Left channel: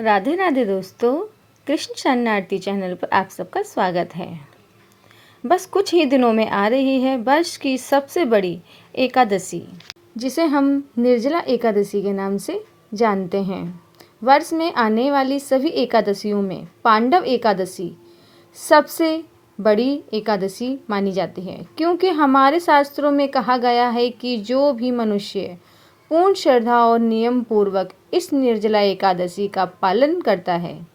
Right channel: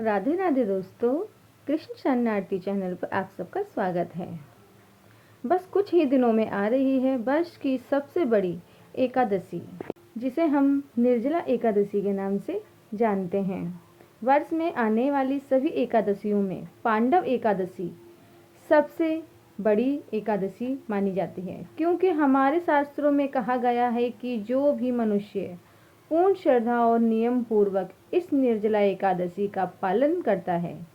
राधे राधे दोस्तों, कृष्ण शरणार्थी चैनल पर आप सबका स्वागत है। बस कुछ ही दिनों में आ रही है वर्ष की सबसे बड़ी एकादशी, जिसे हम निर्जला एकादशी के नाम से जानते हैं। वर्ष में आने वाली सभी एकादशियों में पांडव एकादशी सबसे बड़ी एकादशी मानी जाती है, क्योंकि हमारे शास्त्रों में कहा गया है कि जो भी मनुष्य पूर्ण श्रद्धा और नियम पूर्वक इस निर्जला एकादशी का पालन करता है,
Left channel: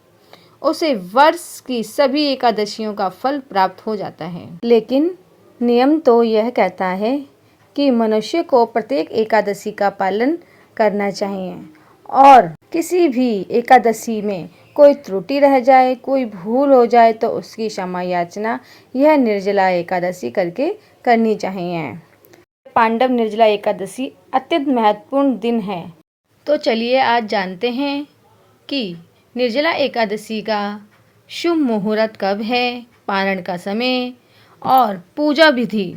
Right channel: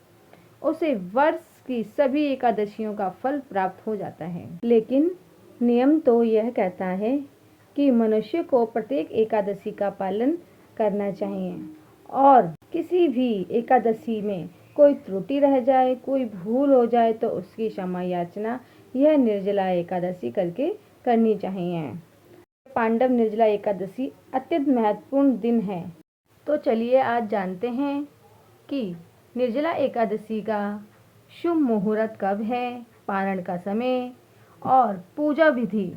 उसे वर्ष की सभी एकादशियों का फल प्राप्त हो जाता है। लेकिन नियम तो यह कहता है कि मनुष्य को प्रत्येक एकादशी का पालन करना चाहिए, और किसी भी एकादशी में कोई त्रुटि रह जाए, कोई भूल हो जाए तो उसकी क्षमा याचना यह निर्जला एकादशी करके करनी चाहिए। पांडव निर्जला एकादशी अत्यंत महत्वपूर्ण दिन है। तो चलिए आज जानते हैं कि निर्जला एकादशी का शुभ मुहूर्त कब है, पारण का समय और पूजा विधि।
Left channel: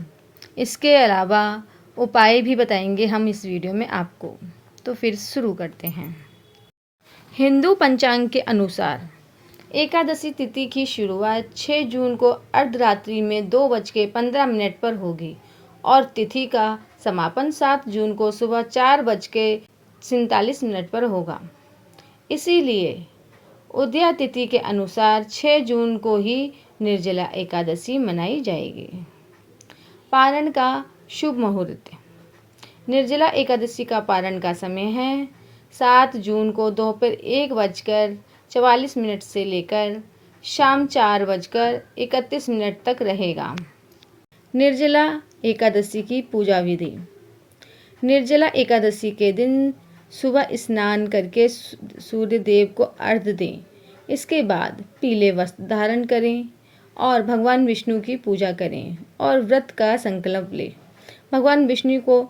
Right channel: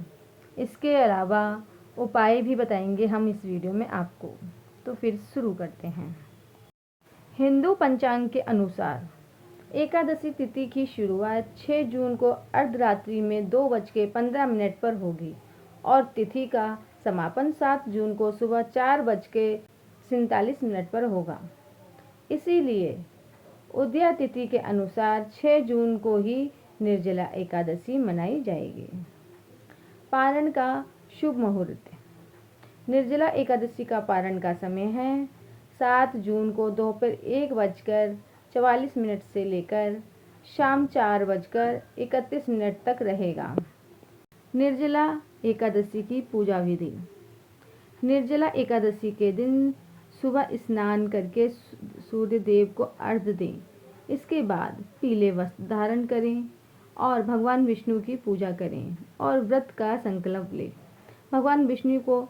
इसके अलावा उपाय भी बताएंगे हम इस वीडियो में आपको। तो फिर शुरू करते हैं। हिंदू पंचांग के अनुसार एकादशी तिथि की शुरुआत 6 जून को अर्धरात्रि में 2:15 पर होगी और तिथि का समापन 7 जून को सुबह 4:47 पर होगा। इसीलिए उदया तिथि के अनुसार 6 जून को ही निर्जला एकादशी मनाई जाएगी। पारण का शुभ मुहूर्त। निर्जला एकादशी का पारण का समय है 7 जून को दोपहर 1:44 से लेकर शाम 4:31 तक रहेगा। निर्जला एकादशी की पूजा विधि। निर्जला एकादशी के दिन सुबह स्नान करके सूर्य देव को अर्घ्य दें। इसके बाद पीले वस्त्र धारण करें और भगवान विष्णु की पूजा करें और व्रत का संकल्प लें। भगवान विष्णु को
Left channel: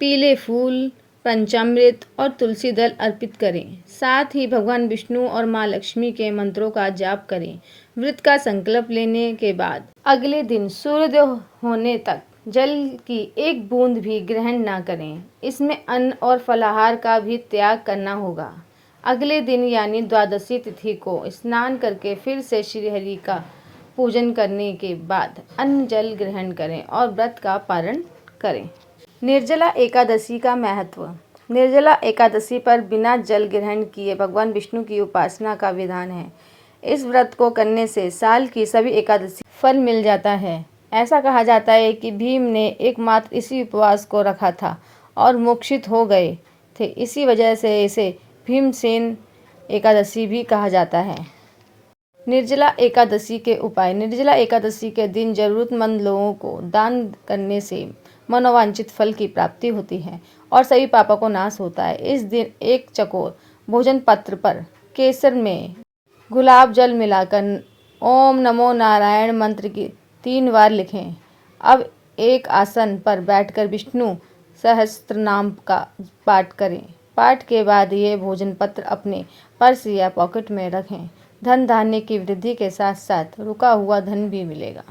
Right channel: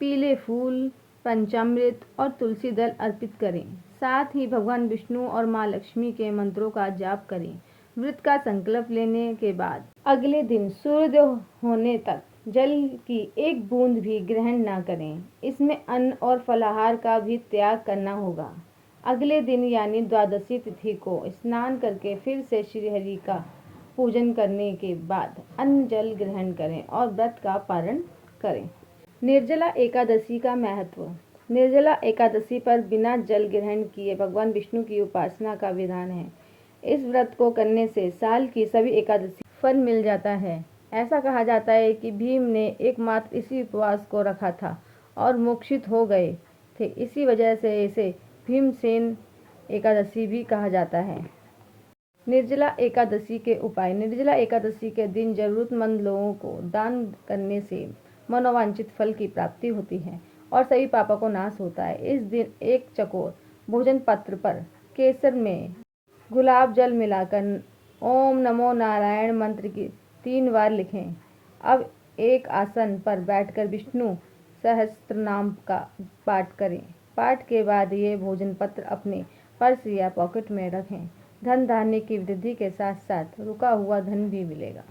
पीले फूल, पंचामृत और तुलसी दल अर्पित करें। साथ ही भगवान विष्णु और माँ लक्ष्मी के मंत्रों का जाप करें। व्रत का संकल्प लेने के बाद अगले दिन सूर्योदय होने तक जल की एक बूंद भी ग्रहण ना करें। इसमें अन्न और फलाहार का भी त्याग करना होगा। अगले दिन यानी द्वादशी तिथि को स्नान करके फिर से श्रीहरि का पूजन करने के बाद अन्न जल ग्रहण करें और व्रत का पारण करें। निर्जला एकादशी का महत्व। निर्जला एकादशी पर बिना जल ग्रहण किए भगवान विष्णु की उपासना का विधान है। इस व्रत को करने से साल की सभी एकादशी फल मिल जाता है। ऐसा कहा जाता है कि भीम ने एकमात्र इसी उपवास को रखा था और मोक्षित हो गए थे। इसी वजह से इसे भीमसेन एकादशी भी कहा जाता है। निर्जला एकादशी के उपाय। निर्जला एकादशी के दिन जरूरतमंद लोगों को दान करने से मनोवांछित फल की प्राप्ति होती है और सभी पापों को नाश होता है। इस दिन एक चकोर भोजन पत्र पर केसर में गुलाब जल मिलाकर ओम नमो नारायण मंत्र की 3 बार लिखें। अब एक आसन पर बैठकर विष्णु सहस्त्र नाम का पाठ करें। पाठ के बाद ये भोजन पत्र अपने पर्स या पॉकेट में रखें। धन धान्य की वृद्धि के साथ साथ रुका हुआ धन भी मिलेगा।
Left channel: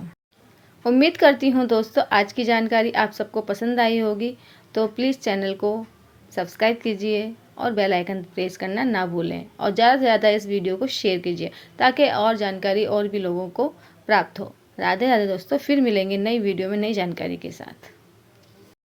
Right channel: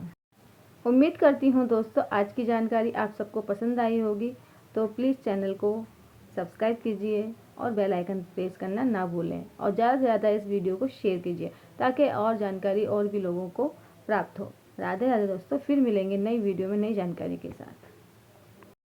उम्मीद करती हूँ दोस्तों आज की जानकारी आप सबको पसंद आई होगी। तो प्लीज़ चैनल को सब्सक्राइब कीजिए और बेल आइकन प्रेस करना ना भूलें और ज़्यादा से ज़्यादा इस वीडियो को शेयर कीजिए ताकि और जानकारी और भी लोगों को प्राप्त हो। राधे राधे दोस्तों, फिर मिलेंगे नई वीडियो में नई जानकारी के साथ।